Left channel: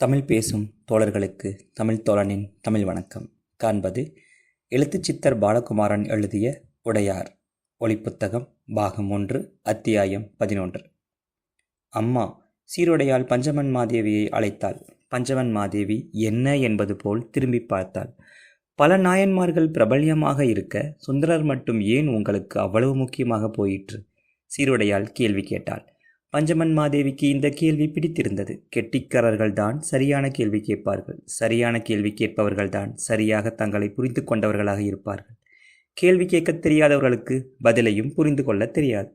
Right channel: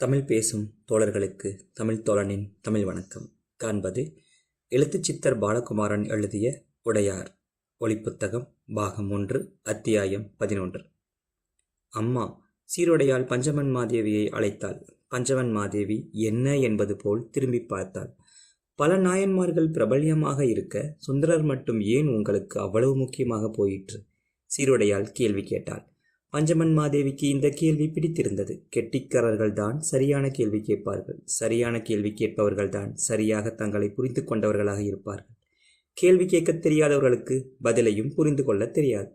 தமிழ் பேசும் தோழர்களுக்கு தமிழ் தோழனின் தமிழ் வணக்கம். காண்பது எழுத்துச்சித்தர் பாலகுமாரன் எழுதிய உடையார் ஒளிப்புத்தகம் பாகம் 1 அத்தியாயம் 11. அம்மா சீருடையால் பஞ்சமன் மாதேவியை அழைத்தாள். பஞ்சமன் மாதேவி என்ன என்பது போல் திரும்பி பார்த்தாள். பல நாயன்மார்கள் பிரபல்யமாக இருக்க சுந்தரர் மட்டும் ஏன் உங்களுக்கு அவ்வளவு முக்கியமாக போயிற்று? சீருடையால் கேள்வி கேட்டாள். பஞ்சமன் மாதேவிக்கு இந்த கேள்வி பிடித்திருந்தது. கெட்டிக்காரர்கள்தான் சரியான கேள்வி கேட்பார்கள். சரியான கேள்வி கேட்பவர்கள்தான் சரியாக தங்களை புரிந்து கொண்டவர்களாக இருப்பார்கள். கேள்வி கேட்க தெரியாதவர்களுக்கு பதிலையும் புரிந்து கொள்ள தெரியாது.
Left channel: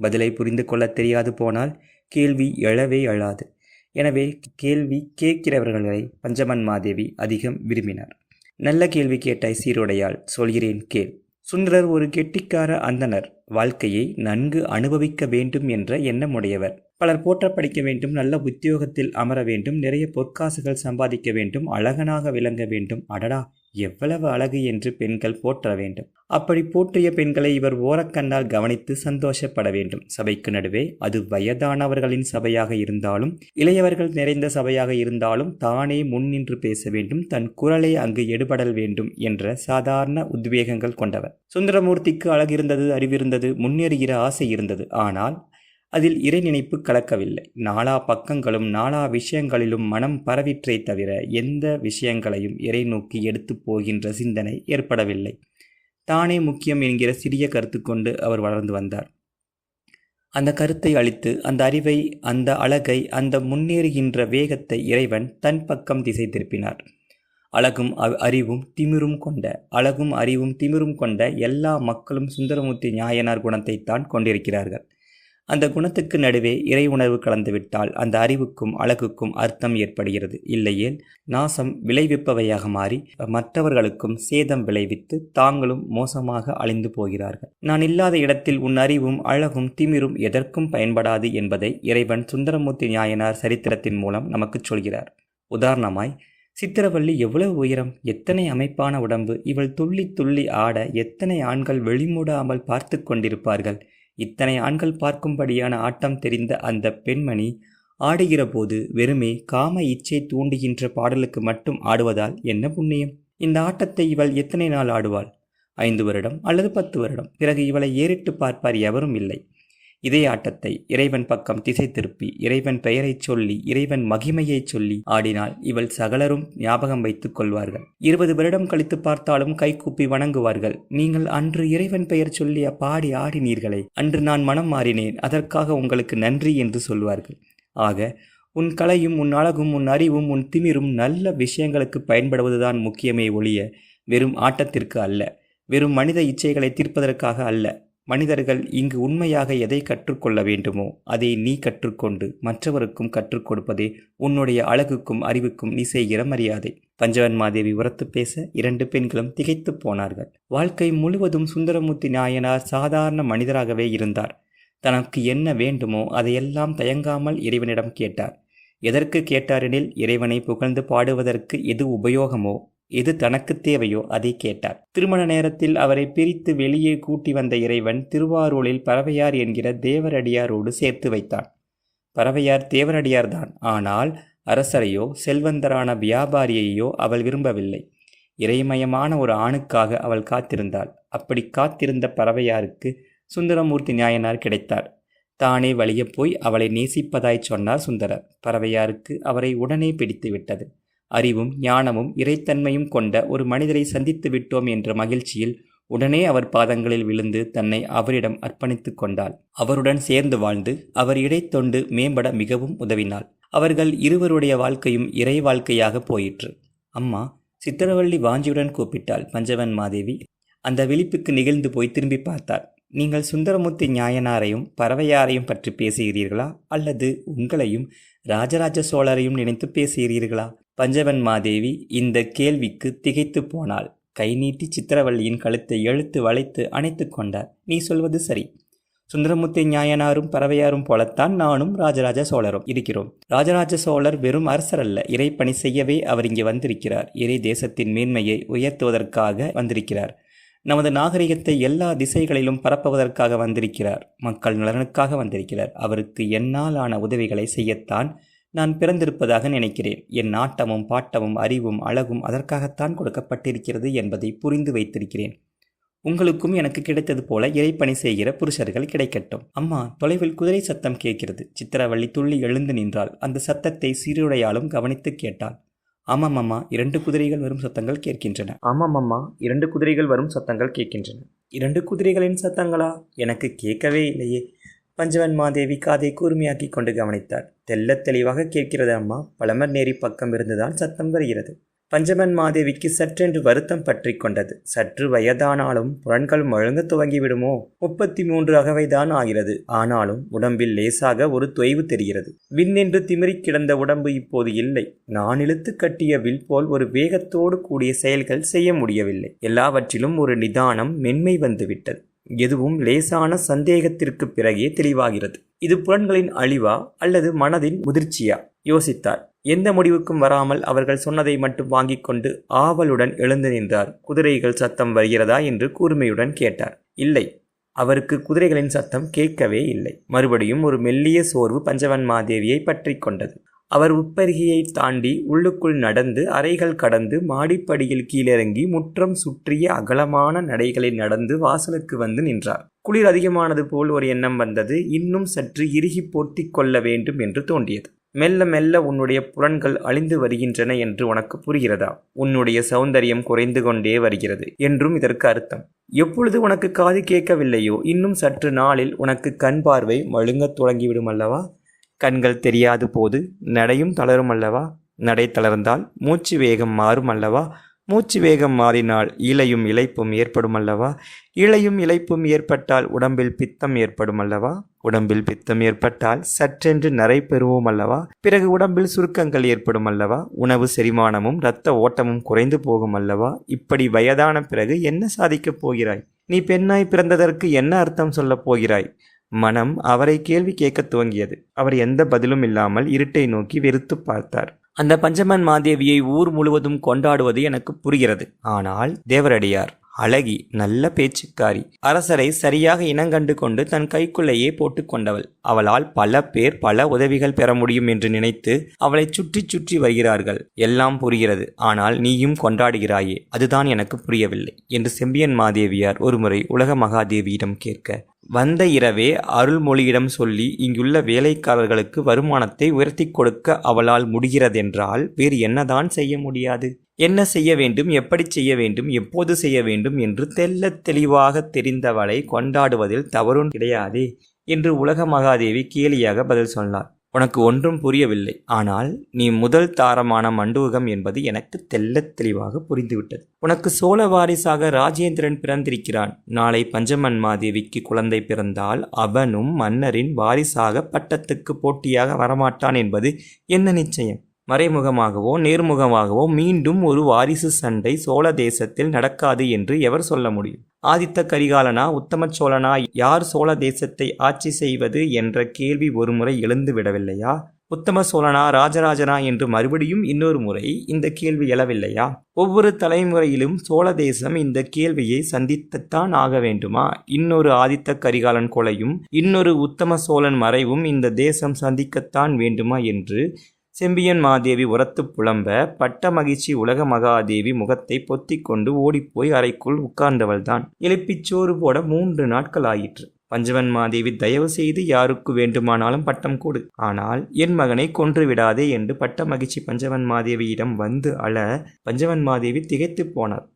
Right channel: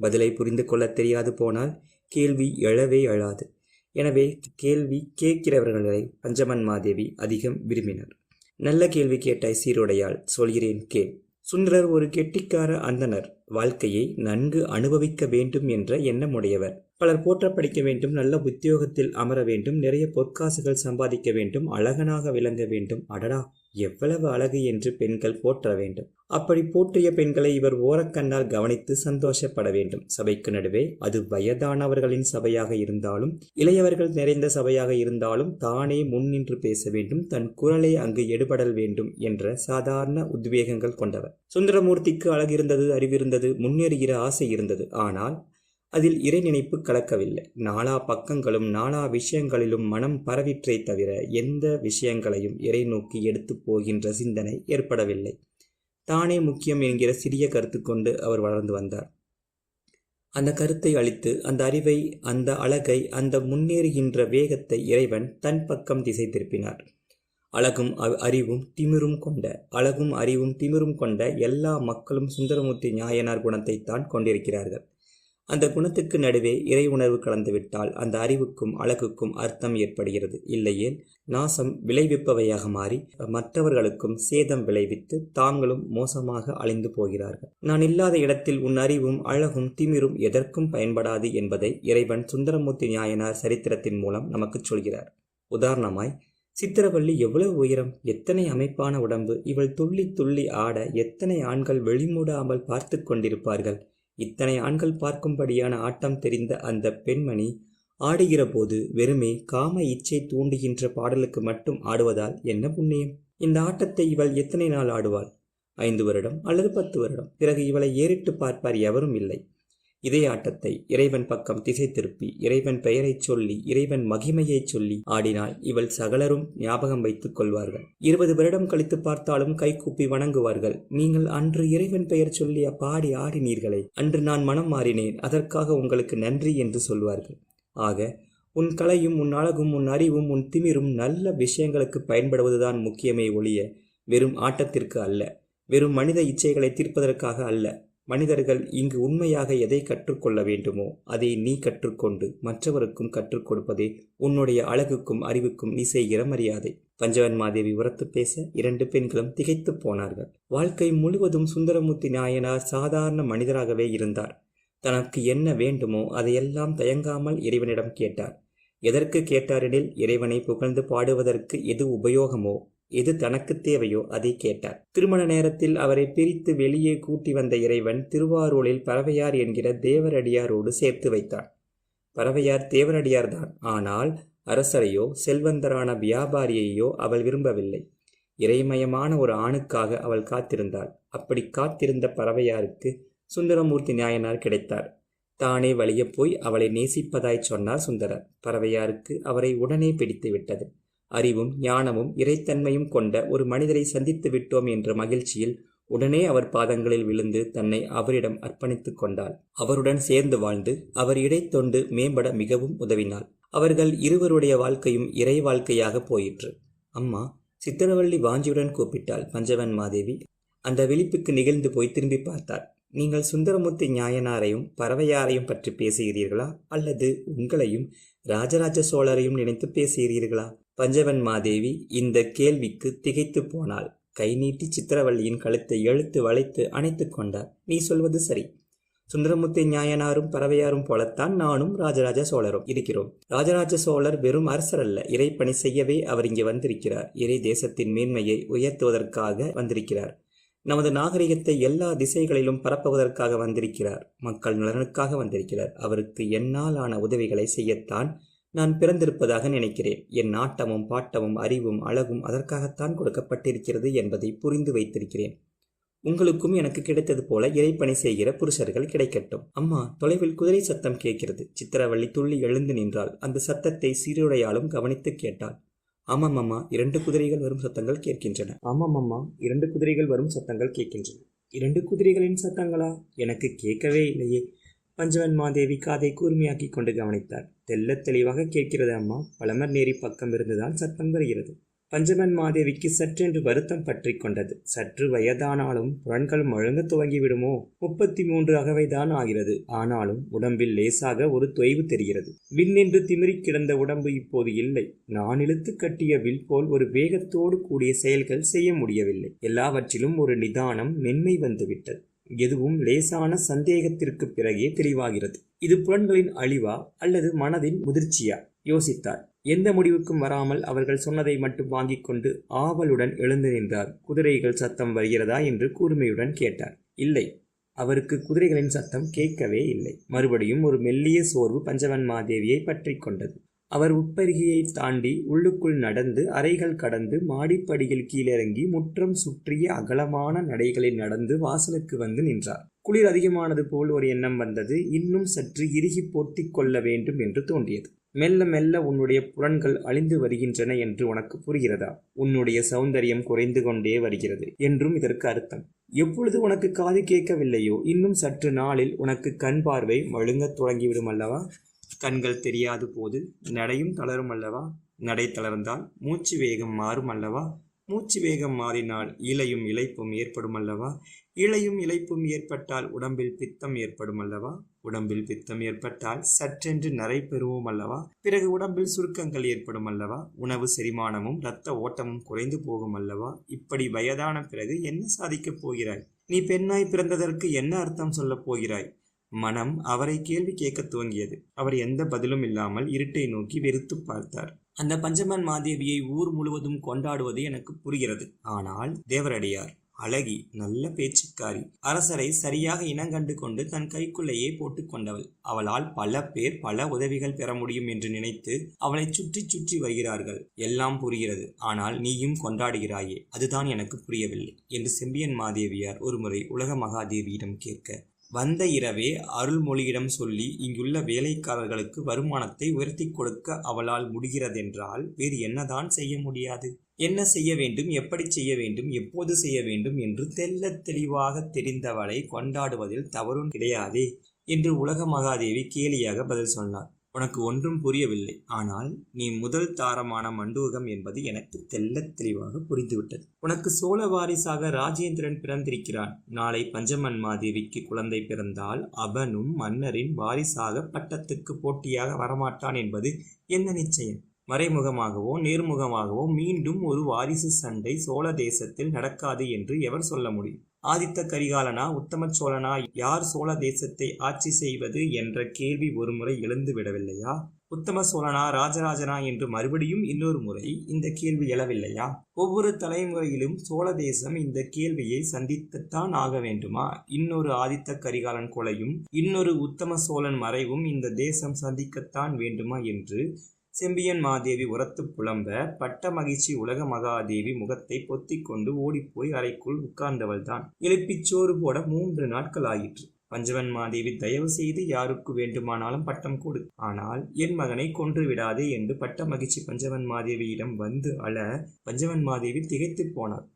பதிலை புரிந்து கொள்ள தெரியாது போனால் கேள்வி எழவே எழாது. எனவே கேள்வி கேட்கிறவர்களை பஞ்சமன் மாதேவி அதிகம் விரும்பினார். நல்ல கேள்வி கேட்டாய் சீருடையால், சொல்கிறேன் கேள். சுந்தரர் ஒரு கெட்டிக்கார அந்தனர். வாழ்க்கையை நன்கு அனுபவிக்க வேண்டும் என்ற எண்ணமுடையவர். பலர் போற்ற படிக்க வேண்டும், நல்ல உத்தியோகத்தில் அமர வேண்டும், நிறைய பொற்காசுகள் சம்பாதிக்க வேண்டும், அழகனாக விளங்க வேண்டும். அடடா, எவ்வளவு அழகு என்று பெண்கள் போற்ற வேண்டும். அப்படி போற்றிய பெண்களை இவர் ஓரக்கண்ணால் கவனித்து சந்தோஷப்பட வேண்டும். சபைக்கு நடுவே, அது வயதானவர்களின் சபையாக இருந்தாலும் இளையவர்கள் நிறைந்த சபையாக இருந்தாலும், தானே முன்னின்று பேச வேண்டும், தன் குரலை அங்கு எடுபடல் வேண்டும் என்ற சாதாரண உத்வேகங்கள் கொண்டவர். சுந்தரமூர்த்திக்கு அழகிருந்தது, அறிவிருந்தது, முன்னேறுகிற ஆசை இருந்தது. ஆனால் அதில் இறை நினைப்பு கலக்கவில்லை. நாலா பக்கங்களும் நாலா விஷயங்களிலும் மனம் பரவிற்றே தவிர எந்த விஷயங்களையும் இறை நோக்கி எடுத்து போகின்ற சிந்தனை ஏற்படவில்லை. தானே முக்கியம் என்கிற சிறிய கருத்து கொண்டு அவர் வளர்ந்து வந்தார். அந்த கருத்தை அளித்து, அந்த அறிவை, அந்த அழகை, அந்த முன்னேறுகின்ற வேகத்தை இறைவன் தன் பக்கம் திசை திருப்பினார். அழகும் அறிவும் திமிரும் கொண்ட எல்லா மக்களும் சுந்தரமூர்த்தி நாயனார் குணத்தைத்தான் கொண்டிருக்கிறார்கள். அந்த குணத்துக்கு நடுவே இறை உணர்வு கலந்துவிட்டால் அந்த அறிவுக்கும் அழகுக்கும் அர்த்தம் ஏற்படுகிறது. இல்லையேல் நாசம் விளைவிப்பவையாக மாறி மற்றவர்களுக்கும் சேதம் விளைவித்து தாங்களும் மோசமாக அழிந்து போகிறார்கள். நான் இல்லாத இடத்தில் உன் அறிவும் அழகும் திமிரும் எதற்கும் பயன்படாது என்பதை இறைவன் சுந்தரமூர்த்தி நாயனார் சரித்திரத்தின் மூலம் நமக்கு சொல்கிறார். உதாரணமாய், சித்திரவள்ளி எவ்வளவு உயரம், எத்தனை அமைப்பான உடம்பு, இவள் துள்ளி துள்ளி ஆட எத்தனை ஆண்கள் வெளிமூடாமல் பார்த்து கொண்டிருப்பார்கள். இத்தனை ஆண்கள் பார்க்கும்படியான ஆட்டம் தெரிந்த அந்த பெண்மணி ஆடுகிற போது வெறுமே காம இச்சை தூண்டுகின்ற பாடலுக்கு மட்டும் ஆடுவதால் என்ன புண்ணியம்? இந்த ஆட்டத்தை இவள் எத்தனை நாள் ஆடுவாள்? 5 வருடம் அல்லது 10 வருடம். பிறகு இவளை ஏறிட்டு பார்ப்பார் எவரும் இல்லை. இதே ஆட்டத்தை இறைவன் பக்கம் திசை திருப்பி இறைவன் பெயரை சொல்லி இறைவன் மகிமையை சொல்லி ஆடினால் இவள் சகலரும் ஞாபகம் வைத்துக் கொள்வார்கள். 20 வருடம் கழித்து பார்த்தாலும் கைகூப்பி வணங்குவார்கள். நீங்கள் அன்று இறைவன் பெயர் சொல்லி பாடி ஆடினீர்களே, அன்று நான் மனம் மாறினேன், அதற்காக உங்களுக்கு நன்றி என்று சொல்வார்கள். ஆக உன் கலையும் உன் அழகும் உன் அறிவும் உன் திமிரும் நல்ல விஷயங்களுக்கு பயன்படுவதுதான் முக்கியமே ஒழிய வெறும் ஆட்டத்திற்கு அல்ல, வெறும் மனித இச்சைகளை தீர்ப்பதற்காக அல்ல. மனிதர்கள் இங்கு உண்மையாக எதை கற்றுக்கொள்ள வேண்டுமோ அதை நீ கற்றுக்கொண்டு மற்றவருக்கும் கற்றுக் கொடுப்பதே உன்னுடைய அழகுக்கும் அறிவுக்கும் நீ செய்கிற மரியாதை. பஞ்சவன் மாதேவி உரத்து பேச 2 பெண்களும் திகைத்து போனார்கள். வாழ்க்கை முழுவதும் சுந்தரமூர்த்தி நாயனார் சாதாரண மனிதராகவே இருந்தார். தனக்கு என்ன வேண்டுமோ அதையெல்லாம் தயங்காமல் இறைவனிடம் கேட்டார். எதற்கு கேட்டாரெனில், இறைவனை புகழ்ந்து பாடுவதற்கு எது உபயோகமோ, எது தனக்கு தேவையோ அதை கேட்டார். திருமண நேரத்தில் அவரை பிரித்து வெளியே கூட்டி வந்த இறைவன் திருவாரூரில் பறவையார் என்கிற தேவரடியாரோடு சேர்த்து வைத்தான். பறவையார் தேவரடியார்தான். ஆனால் அரசரையோ செல்வந்தரான வியாபாரியையோ அவள் விரும்பவில்லை. இறைமயமான ஒரு ஆணுக்காக அவள் காத்திருந்தாள். அப்படி காத்திருந்த பறவையாருக்கு சுந்தரமூர்த்தி நாயனார் கிடைத்தார். தானே வழிய போய் அவளை நேசிப்பதாய் சொன்னார் சுந்தரர். பறவையாருக்கு அவரை உடனே பிடித்து விட்டது. அறிவும் ஞானமும் இறைத்தன்மையும் கொண்ட ஒரு மனிதரை சந்தித்து விட்டோம் என்ற மகிழ்ச்சியில் உடனே அவர் பாதங்களில் விழுந்து தன்னை அவரிடம் அர்ப்பணித்து கொண்டாள். அவருடன் சேர்ந்து வாழ்ந்து அவர் இடைத்தொண்டு மேம்பட மிகவும் உதவினாள். அவர்கள் இருவருடைய வாழ்க்கையும் இறை வாழ்க்கையாக போயிற்று. அம்மா சித்திரவள்ளி வாஞ்சியுடன் கூப்பிட்டாள். பஞ்சவன் மாதேவி அந்த விழிப்புக்கு நிகழ்ந்து போய் திரும்பி பார்த்தார். நீங்கள் சுந்தரமூர்த்தி நாயனாரையும் பறவையாரையும் பற்றி பேசுகிறீர்களா, அல்லது உங்களையும் ராஜராஜ சோழரையும் நினைத்து பேசுகிறீர்களா? பஞ்சவன் மாதேவி இந்த கேள்விக்கு திகைத்து போனாள். கை நீட்டி சித்திரவள்ளியின் கழுத்தை இழுத்து வளைத்து அணைத்து கொண்டார். நீ சொல்வது சரி. சுந்தரமூர்த்தி நாயனாரும் பறவையாரும் போலத்தான் நானும் ராஜராஜ சோழரும் இருக்கிறோம். ராஜராஜ சோழர் வெறும் அரசர் அல்ல, இறை பணி செய்யவே அவர் இங்கே வந்திருக்கிறார். இறை தேசத்தின் மேன்மையை உயர்த்துவதற்காக வந்திருக்கிறார். நமது நாகரிகத்தை எல்லா திசைகளிலும் பரப்புவதற்காக வந்திருக்கிறார். மக்கள் நலனுக்காக வந்திருக்கிறார். அவருக்கு என்னால் ஆன உதவிகளை செய்யத்தான் நான் பிறந்திருப்பதாக நினைக்கிறேன். என் நாட்டமும் பாட்டமும் அறிவும் அழகும் அதற்காகத்தான் கொடுக்கப்பட்டிருக்கிறது என்பதை புரிந்து வைத்திருக்கிறேன். உங்களுக்கும் எனக்கு கிடைத்தது போல இறைப்பணி செய்கிற புருஷர்கள் கிடைக்கட்டும். அம்மா, தொலைவில் குதிரை சத்தம் கேட்கிறது. சித்திரவள்ளி துள்ளி எழுந்து நின்றாள். அந்த சத்தத்தை சீருடையாலும் கவனித்து கேட்டாள். ஆமாம் அம்மா, 2 குதிரைகள் வரும் சத்தங்கள் கேட்கின்றன. ஆமாம் அம்மா, 2 குதிரைகள் வரும் சத்தங்கள் கேட்கின்றன. 2 குதிரைகளின் சத்தங்களா? எனக்கு கேட்கவே இல்லையே. பஞ்சவன் மாதேவி காதை கூர்மையாக்கி கொண்டு கவனித்தார். தெள்ளத் தெளிவாக கேட்கிறது அம்மா. பழமர் நேரி பக்கம் இருந்துதான் சத்தம் வருகிறது. பஞ்சவன் மாதேவிக்கு சற்றென்று வருத்தம் பற்றி கொண்டது. சற்று வயதானாலும் புலன்கள் முழங்க துவங்கிவிடுமோ? 33 அகவைதான் ஆகிறது. ஆனாலும் உடம்பில் லேசாக ஒரு தொய்வு தெரிகிறது. விண்ணென்று திமிரி கிடந்த உடம்பு இப்போது இல்லை. நான் இழுத்து கட்டிய வில் போல் ஒரு வேகத்தோடு கூடிய செயல்கள் செய்ய முடியவில்லை. எல்லாவற்றிலும் ஒரு நிதானம், மென்மை வந்துவிட்டது. எதுவும் லேசான சந்தேகத்திற்கு பிறகே தெளிவாகிறது. இது புலன்களின் அழிவா அல்லது மனதின் முதிர்ச்சியா? யோசித்தார். எந்த முடிவுக்கும் வராமல் அவர்கள் சொன்னதை மட்டும் வாங்கிக் கொண்டு ஆவலுடன் எழுந்து நின்றார். குதிரைகள் சத்தம் வருகிறதா என்று கூர்மையுடன் கேட்டார். இல்லை, அவருக்கு குதிரைகளின் சத்தம் கேட்கவே இல்லை. மறுபடியும் ஒரு மெல்லிய சோர்வு பஞ்சவன் மாதேவியை பற்றி கொண்டது. அவர் உப்பருகியை தாண்டி உள்ளுக்குள் நடந்து அறைகள் கடந்து மாடிப்படியில் கீழிறங்கி முற்றம் சுற்றிய அகலமான நடைகளில் நடந்து வாசலுக்கு வந்து நின்றார். குளிர் அதிகமானது போல் ஒரு எண்ணம் வந்தது. இன்னும் சற்று இறுகி போர்த்தி கொள்ள வேண்டும் என்று தோன்றியது. மெல்ல மெல்ல உன்னுடைய புலன்கள் அழிந்து வருகின்றன என்று உனக்கு புரிகிறதா? உன்னுடைய சௌந்தரியம் குறைந்து கொண்டே வருகிறது என்றும் இதற்கு அர்த்தம். எப்பொழுது உனக்கு காது கேட்கவில்லையோ இன்னும் சற்று நாளில் உனக்கு கண் பார்வை மழுங்கத் தொடங்கிவிடும் அல்லவா? கண்கள் தெரியாது போது நடையும் தளரும் அல்லவா? நடை தளர்ந்தால் மூச்சு வேகம் மாறும் அல்லவா? மூச்சு வேகம் மாறினால் இளையும் இளைப்பும் ஏற்படும் அல்லவா? இளையும் இளைப்பும் ஏற்பட்டால் உடம்பில் பித்தம் ஏற்படும் அல்லவா? உடம்பில் பித்தம் ஏற்பட்டால் சற்றென்று நரை பெறுவோம் அல்லவா? பிறகு உடம்பில் சுருக்கங்கள் ஏற்படும் அல்லவா? உணவு செரிமானமும் இரத்த ஓட்டமும் குறைந்து போகும் அல்லவா? இப்படி வயதான பிறகு என்ன சாதிக்கப் போகிறாய்? நீ பெண்ணாய் பிறந்ததற்கு என்ன அர்த்தம் சொல்லப் போகிறாய்? மனம் அவரை கேள்வி கேட்கத் துவங்கியது. அவர் எந்த பதிலும் இல்லாமல் இருட்டை நோக்கி வெறுத்து பார்த்தார். அந்த பஞ்சமன் மாதேவியை ஊர் முழுவதும் கொண்டாடுவது எனக்கு புரிகிறது. ஆனால் தேவரடியார் அழகி, நல்ல பேச்சுக்காரி, அரசரை சரியாக இனங்கண்டு கொண்டு தன் கைக்குள்ளேயே போட்டு கொண்டவள். அவளால் பல பேர் பல உதவிகள் பெற முடியும் என்று நினைத்து அவளை சுற்றி சுற்றி வருகிறார்கள். எல்லாம் புரிகிறது. ஆனால் நீயும் கொண்டாடுகிறாயே, அதுதான் எனக்கு புரியவில்லை என்று செம்பியன் மாதேவியார் ஒருமுறை உலக மகாதேவியிடம் கேட்க, வந்த இரவே அருள்மொழியிடம் சொல்லி இங்குள்ள வேலைக்காரர்களுக்கு வருமானத்தை உயர்த்தி கொடுக்க அவளால் முடிகிறதென்றால் வேறு என்னதான் செய்ய முடியாது? என்ன செய்ய வேண்டும், எப்படி செய்ய வேண்டும், எப்போது செய்ய வேண்டும் என்று தெள்ளத் தெளிவாக தெரிந்தவளை கொண்டாடுவதில் தவறும் கிடையாதே என்று உலக மகாதேவி கேலியாக பதில் சொன்னார். உனக்கு ஒன்றும் புரியவில்லை. ஆனால் நீ முதல் தாரமான மண்டூகம் என்பது எனக்கு தெள்ளத் தெளிவாக புரிந்துவிட்டது. உனக்கு சோழ வாரிசாக ராஜேந்திரன் பிறந்திருக்கிறான். நாளை பஞ்சமன் மாதேவிக்கு குழந்தை பிறந்தால் அவனும் மன்னரின் வாரிசாக பட்டத்துக்கு போட்டியாக வரமாட்டான் என்பது என்ன நிச்சயம்? மறைமுகமாகவோ நேர்முகமாகவோ மீண்டும் ஒரு வாரிசு சண்டை சோழ தேசத்தில் நடக்காது என்று எவர் சொல்ல முடியும்? ஆதித்த கரிகாலனா, உத்தம சோழனா, யார் சோழ தேசத்தை ஆட்சி செய்வது என்ற கேள்வி ஒருமுறை எழுந்து விடவில்லையா? உத்தம சோழனா, ராஜராஜனா என்று மறுபடியும் இன்னொரு முறை இந்த கேள்வி எழவில்லையா? ஒவ்வொரு தலைமுறையிலும் சோழ தேசம் இந்த கேள்வியை சந்தித்துத்தான் ஆக வேண்டுமா? இன்னொரு ஆதித்த கரிகாலன் கொலையும் இன்னொரு உத்தம சோழன் மறைவும் இந்த தேசம் சந்திக்கத்தான் வேண்டுமா என்று செம்பியன் மாதேவி உரத்து புலம்ப, பட்ட மகிழ்ச்சி உலக மகாதேவி முகத்தை பொத்திக் கொண்டு ஓடிப்போய் அறைக்குள் உட்கார்ந்தவள்தான். எழுப்பிச்சோறு போட 3 நாட்கள் ஆயிற்று. பஞ்சவன் மாதேவி, தயவு செய்து யாருக்கு வேண்டுமானாலும் பட்டம் கொடு, ஆனால் என் மகனை கொன்று விடாதே என்று பட்ட மகிழ்ச்சி பஞ்சவன் மாதேவியிடம் வந்து அழ, பஞ்சவன் மாதேவி திகைத்து போனார்.